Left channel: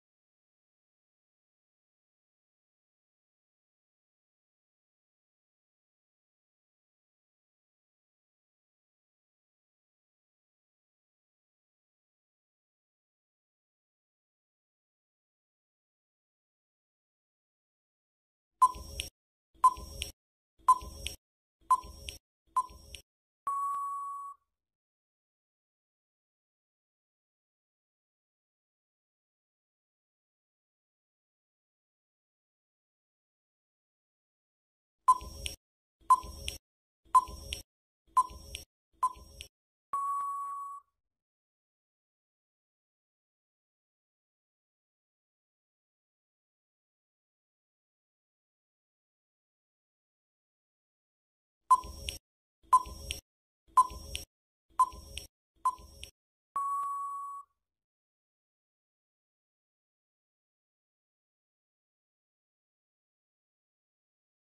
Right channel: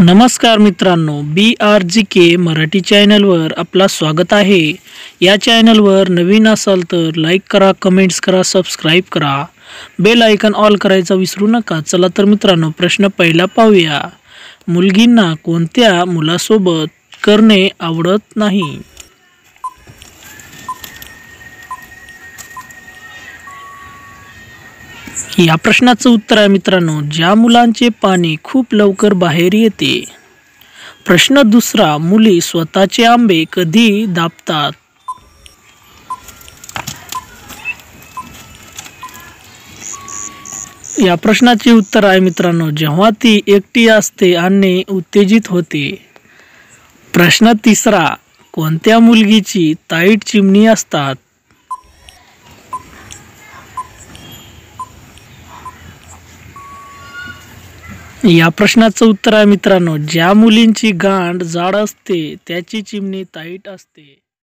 नमस्कार मित्रांनो, BRGK मराठी चॅनलवर आपला स्वागत आहे। या चॅनलवर नवीन असाल तर लाईक करा, कमेंट्स करा, सबस्क्राईब करा, बेल आयकॉन ऑल करायचा विसरू नका। चला तर मित्रांनो, प्रश्न पहिला पाहूया। मुलगींना कोणत्या मुलासोबत करणे आवडत नाही? या प्रश्नाचं उत्तर आहे मित्रांनो, ज्या मुलांचे पाणी खूप लवकर बाहेर येते। प्रश्न दुसरा, मुली स्वतःचे आंबे कधी दाबतात? या प्रश्नाचे उत्तर आहे मित्रांनो, जेव्हा ती एकटी असते आणि उत्तेजित होते। प्रश्न तिसरा, कोणत्या मुलगीची ताईट चिमणी असतात? या प्रश्नाचं उत्तर आहे मित्रांनो, ज्या मुलींची गांड जाड असते त्याची चिमणी ताईट असते।